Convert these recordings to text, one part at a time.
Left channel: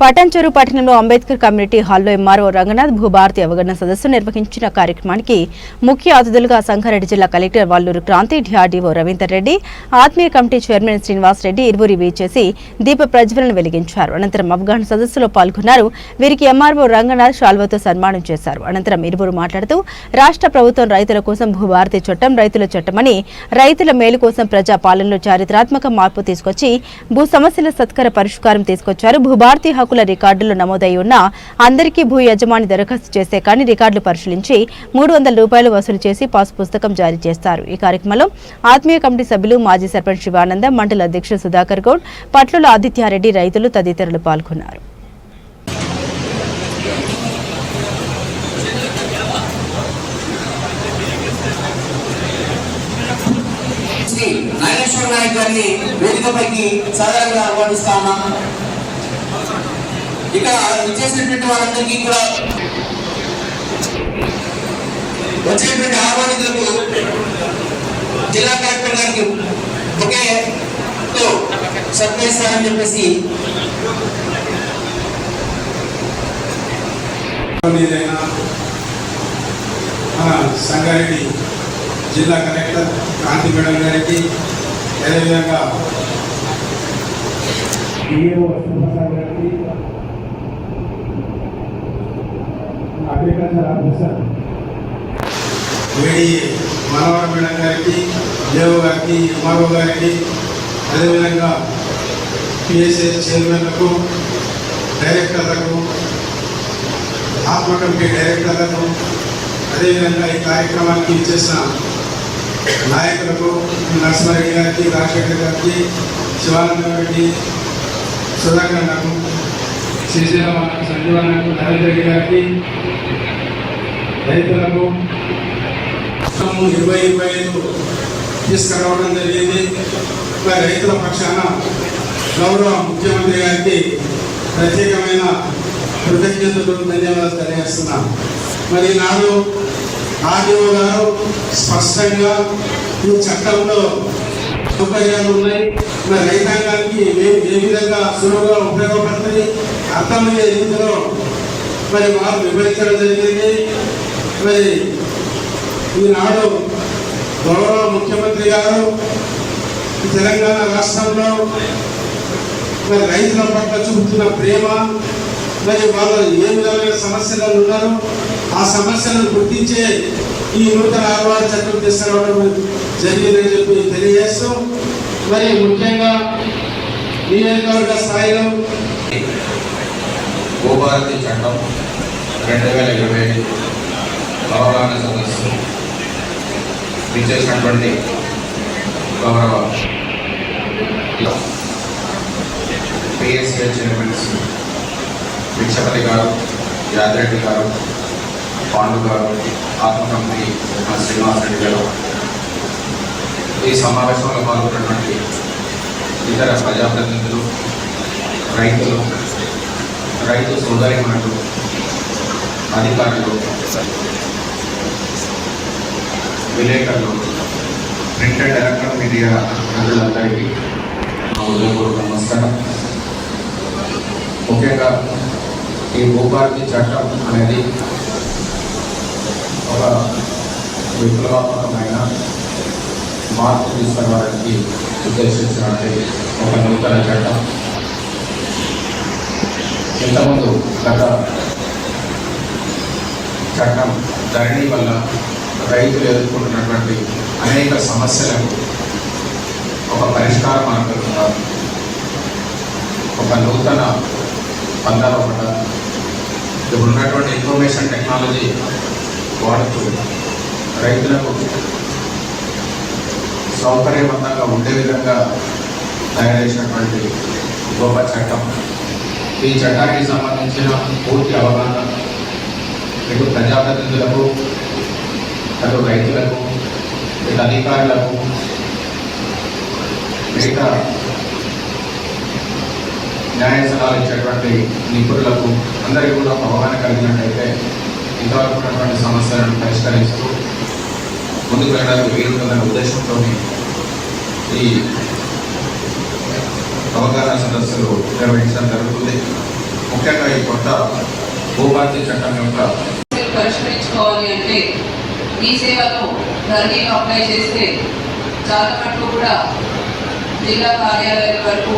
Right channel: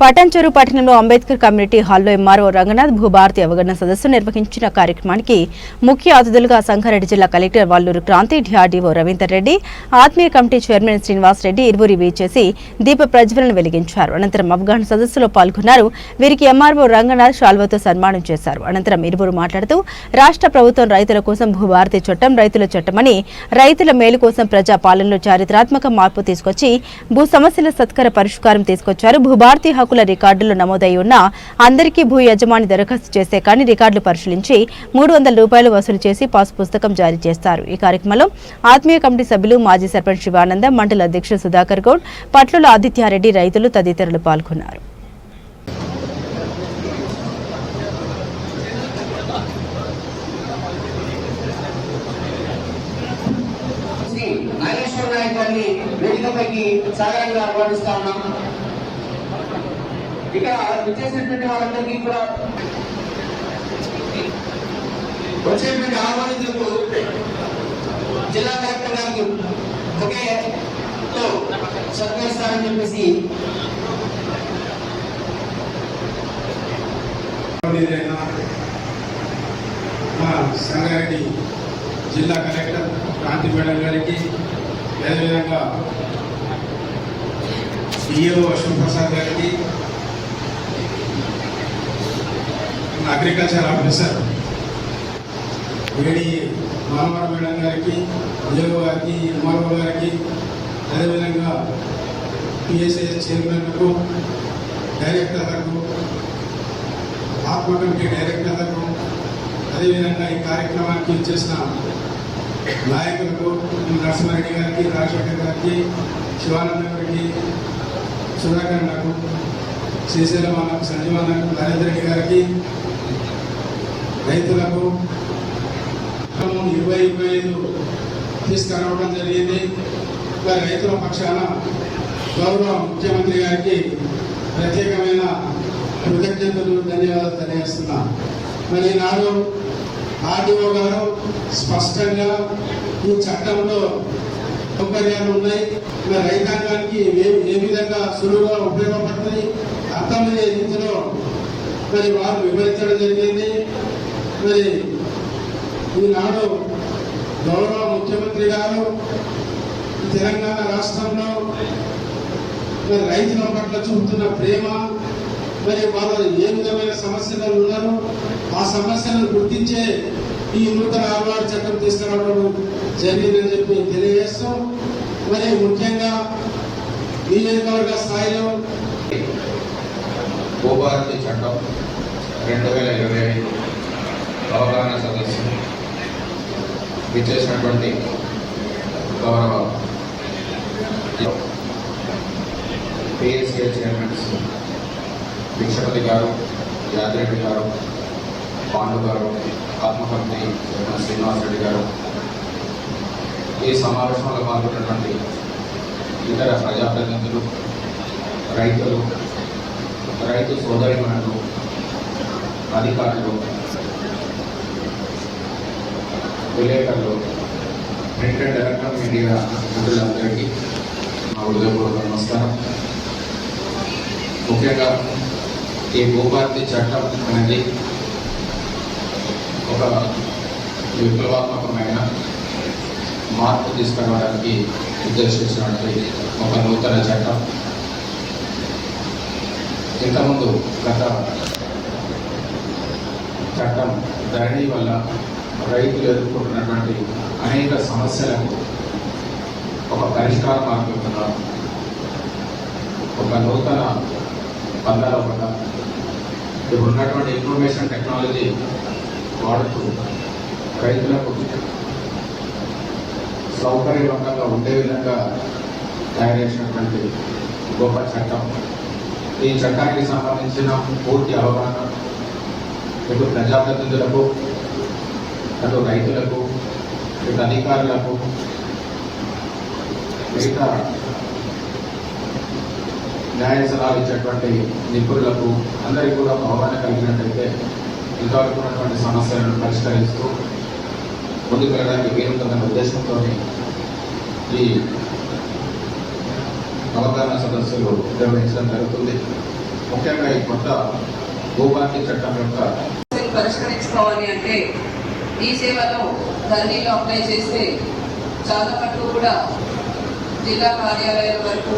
పటాన్చెరు పట్టణంలో అంబేద్కర్ కమ్యూనిటీ హాల్లో ఎంఆర్ఓ రంగనాథ్ భూభారతి అవగాహన సదస్సు నిర్వహించిన కార్యక్రమానికి ముఖ్య అతిథులుగా సంగారెడ్డి జిల్లా కలెక్టర్ వల్లూరు క్రాంతి డిఆర్డీఓ రవీందర్ రెడ్డి ఆత్మీయ కమిటీ చైర్మన్ శ్రీనివాస్ రెడ్డి ఇరువురి చేసి దీప ప్రజ్వలన వెలిగించారు. అనంతరం అవగాహన సదస్సులో పాల్గొన్నారు. వీరికి ఎంఆర్ఓ రంగనాథ్ శాల్వతో సన్మానం చేశారు. అనంతరం ఇరువురు మాట్లాడుతూ రాష్ట్ర ప్రభుత్వం రైతుల కోసం భూభారతి చట్టం రైతుల చట్టమని రైతుల మేలు కోసం ప్రజా పాలనలో చారిత్రాత్మక మార్పు తీసుకొచ్చి భూ సమస్యల సత్కర పరిష్కారం తీసుకొచ్చారు. భూభారతి హక్కుల రికార్డులు నమోదై ఉన్న అందరికీ భూ యజమాని దరఖాస్తు చేస్తే కానీ రికార్డులు పరిశీలించి మూడు వందల రూపాయలు వసూలు చేసి పాస్ పుస్తకం జారీ చేస్తారు. ఈ కార్యక్రమంలో ఆత్మీయ కమిటీ సభ్యులు మాజీ సర్పంచ్ శివానంద మండల అధ్యక్షుడు సుధాకర్ గౌడ్ పట్ల ఆదిత్యారెడ్డి రైతులు తదితరులు పాల్గొన్నారు. నాగేశ్వర నాయక్ గారిని వేదికపైకి సాధారణంగా ఆహ్వానిస్తా ఉన్నాం. ఇక్కడ విచ్చేసినటువంటి వారందరికీ కూడా వచ్చేటువంటి ఆహ్వానితులకు జిల్లా కలెక్టర్ గారికి ఒకే తో సత్కరిస్తారని చెప్పేసి మీదైనా మన సంగారెడ్డి జిల్లా కలెక్టర్ క్రాంతి మేడం గారికి అదేవిధంగా డిఏఓ అశోక్ ప్రసాద్ గారికి అగ్రికల్చర్ ఆఫీసర్. వేడి మనోహర్ మేడం గారికి దేవు గారికి ఎంఆర్ఓ గారికి అదేవిధంగా పిఎస్ఎస్ చైర్మన్లకు డైరెక్టర్లకు ఆత్మ కమిటీ డైరెక్టర్లకు అదేవిధంగా ఈ కార్యక్రమానికి ఇచ్చేసిన నాయకులకు నరసింహారెడ్డి గారికి రాజశేఖర్ గారికి శివానంద రెడ్డి సుధాకర్ నాకు శ్రీశైలం అన్నకు నరేంద్ర రెడ్డి గారికి రైతులకు ఇరవై ఇరవై ఐదు తీసుకురావడం జరిగింది. మరి రైతుల పక్షాన గౌరవ ముఖ్యమంత్రి గారికి ప్రత్యేకమైన కృతజ్ఞతలు ధన్యవాదాలు తెలియజేస్తున్నాం. మరి ఈనాడు ఆర్డీఓ గారు స్పష్టంగా ఈ చట్టంలో సౌకర్యాలు ఉన్నాయి. మరి రైతాంగానికి ఏ ఏ విధంగా సులువుగా ఉపయోగపడుతుంది అర్థమయ్యే రీతిలో మరి వారు వివరించడం జరిగింది. మరి ఈనాడు గౌరవ ముఖ్యమంత్రి గారు తెలంగాణ రాష్ట్రంలో మరి రైతుల పట్ల చూపుతున్న ప్రేమ మరి వాళ్ళు ఏ విధమైన సమస్యలు ఉన్నారు ఆ సమస్యలను గుర్తించే ఈ నూతన ఆహ్వాన చట్టం తీసుకురావడం జరిగిందని చెప్పి తెలియజేస్తాం మరి ముఖ్యంగా నియోజకవర్గ స్థాయిలో భూభారతి చట్టం రెండు వేల ఇరవై ఐదు అవగాహన సదస్సు. విచ్చేసినటువంటి గౌరవ పిఎస్ఏ చైర్మన్స్ విక్షపతి గారు యాదిరెడ్డి గారు పాండు గారు ఆత్మకంపి శ్రీనివాసరెడ్డి శ్రీనివాస్ రెడ్డి గారు. ఈ సమావేశంలో పాల్గొన్నటువంటి ఇతర ప్రజాప్రతినిధులు రైతులు రైతు సోదరిమణులు అధికారులు విలేకరులు ప్రింట్ అండ్ ఎలక్ట్రానిక్ మీడియా మిత్రులందరికీ నా ఉదయపూర్వక నమస్కారం. ముఖ్యంగా ఈ భూభారతి చట్టం అనేది ఒక విప్లవాత్మకమైన మార్పు తీసుకురావడానికి ఉద్దేశించినటువంటి ఒక నూతన చట్టం. ఇంతకుముందు గత చట్టం ధరణి వల్ల రైతులు ఎదుర్కొంటున్నటువంటి అనేక సమస్యలకు ఒక పరిష్కార మార్గంగా ఒక నూతన పందాలు ఒకట ఇప్పుడు ఉన్నటువంటి ఇన్ఫర్మేషన్ టెక్నాలజీ వాడుతూ రైతులకు సౌకర్యవంతంగా ఉండే విధంగా తయారు చేసినటువంటి గొప్ప చట్టం. ఈ చట్టానికి సంబంధించిన పూర్తి అవగాహన ఇటు ప్రజాప్రతినిధులకు అటు రైతులకు ఇటు అధికారులకు మిగతా న్యాయ సలహాలు ఇచ్చేటువంటి నిపుణులకు అందరికీ కూడా ఒక అవగాహన కలిగినట్టయితే ఇంతవరకు ఉన్నటువంటి సమస్యలను పరిష్కరిస్తూ ముందుకు వెళ్ళడానికి వీలుంటుందనే ఉద్దేశంతో ఈ అవగాహన సదస్సులు నిర్వహించడం జరుగుతుంది. ముఖ్యంగా ఈ కొత్త భూభారతి చట్టం యొక్క పరిష్కరించుకోవాలి అంటే ఈ సేవలో ధరణిలో అప్లై చేస్తే చాలా మటుకు కూడా జిల్లా కార్యాలయం వరకు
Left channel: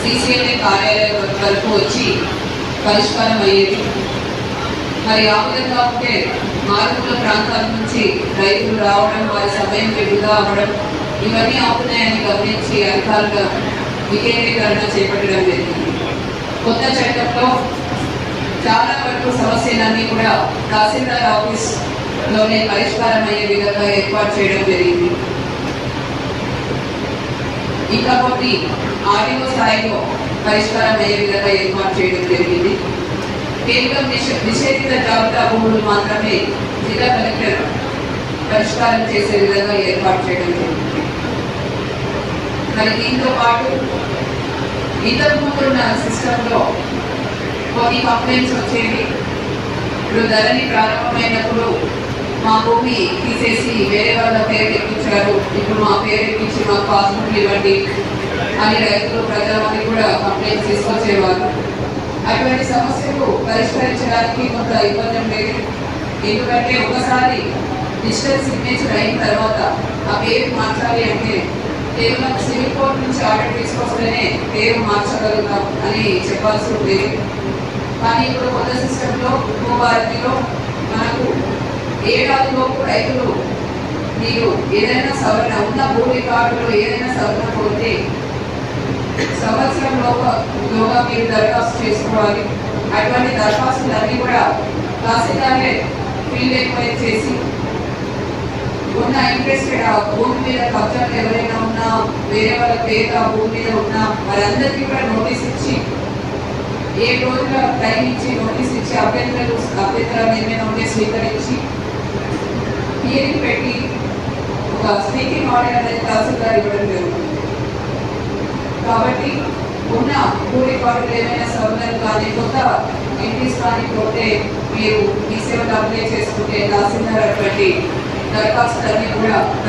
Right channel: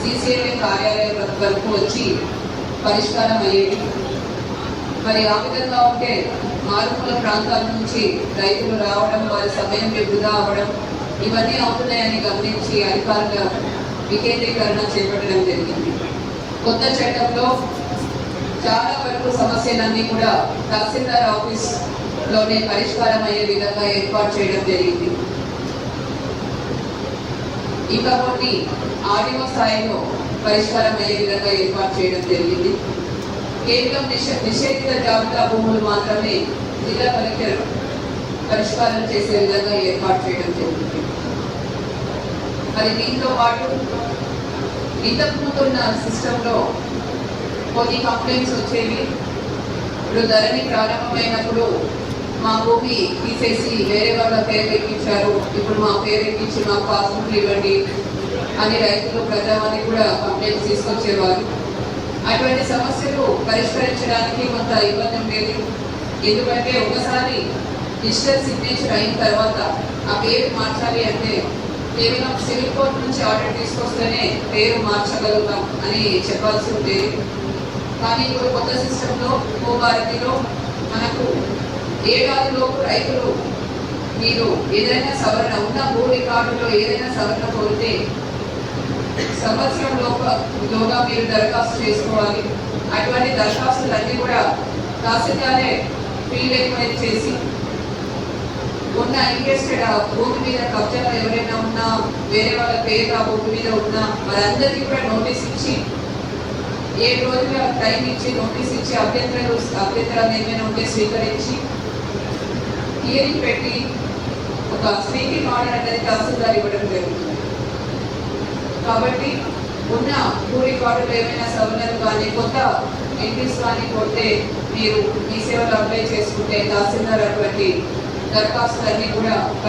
సిసిఎల్ఏ కార్యాలయం వరకు వచ్చి పరిష్కారం అయ్యేది. మరి ఆ విధంగా ఉంటే మారుమూల ప్రాంతాల నుంచి రైతులు రావడం వారి సమయం వృధా అవ్వడం ఇవన్నీ అవుతున్నాయని గమనించి అధికారుల వికేంద్రీకరణ చేపట్టడం జరిగింది. కొత్త చట్టంలో చాలా వరకు సమస్యలన్నీ కూడా తహసీల్దార్ ఆఫీస్ లోనే పరిష్కారం అయ్యే విధంగా ఏర్పాటు చేయడం జరిగింది. ఇంకపోతే ఆడియో స్థాయిలో పరిష్కారం అయ్యే విధంగా ఏర్పాటు చేయడం జరిగింది. కేవలం నిష నిషేధిత జాబితా భూములు మాత్రమే జిల్లా కలెక్టర్ పరిష్కారం చేసే విధంగా ఏర్పాటు చేయడం జరిగింది. మరి దీంతో పాటు ఇంతకు ముందున్న సిస్టంలో కొన్ని కంప్లైంట్స్ వచ్చేవి. ఇప్పుడు ధరణి ప్రారంభమైనప్పుడు మా భూమి తీసేసి వేరే వాళ్ళ పేరు ఎక్కించారు ఇప్పుడు మా పేరు ఎక్కించి మాకు పాస్పోర్ట్ ఇవ్వండి అని రైతులు ప్రజావాణి కూడా కంప్లైంట్ తీసుకొచ్చేవారు అటువంటి సమస్యలు పరిష్కరించడానికి కొంత ఇబ్బంది ఉండేది. ఎందుకంటే ఒకసారి డిజిటల్ సిగ్నేచర్ అయిన తర్వాత ఆ పేరు మార్చాలి అంటే కేవలం సివిల్ కోర్ట్ నుంచి ఆర్డర్ తీసుకొస్తేనే పేరు మార్చగలుగుతాం అని చెప్పాల్సి ఉండేది. కానీ ఇప్పుడు కొత్త సిస్టంలో భూభారతిలో మనకు ఏడాదిలో రైతులు మీరు ఏదైనా సవరణ ఉన్న భూ రికార్డులో ఏదైనా సవరణ కోరితే సంవత్సరం లోప లోగా మీరు దరఖాస్తు చేసుకోవాలి. అటువంటి దరఖాస్తులన్నీ కూడా కాసిగానే ఫీల్డ్ ఎంక్వైరీ చేసి ఉన్న ఇంట్రెస్టెడ్ ఆ భూమి మీద కబ్జాలు ఎవరైనా ఉన్నా వేరే వాళ్ళ పేరు ఆ భూమి మీద ఉన్నా వారందరికీ కూడా నోటీస్ ఇచ్చి ఏ రోజుల టైం ఇచ్చి నోటీస్ ఇచ్చి అభ్యంతరాలు అభ్యంతరాలు ఏమైనా ఉంటే స్వీకరించి హియరింగ్ పెట్టి ఒక స్పీకింగ్ ఆర్డర్ అనేది తహసీల్దార్ ఇవ్వడం జరుగుతుంది. కాబట్టి ఉన్న భూ రికార్డులు ఏమైనా సవరణలు కానీ కొత్త ఎంట్రీస్ కానీ కొట్టే మీరు ఈ సేవలు అప్లై చేసుకుంటే తహసీల్దార్ అటువంటి దరఖాస్తులన్నీ కూడా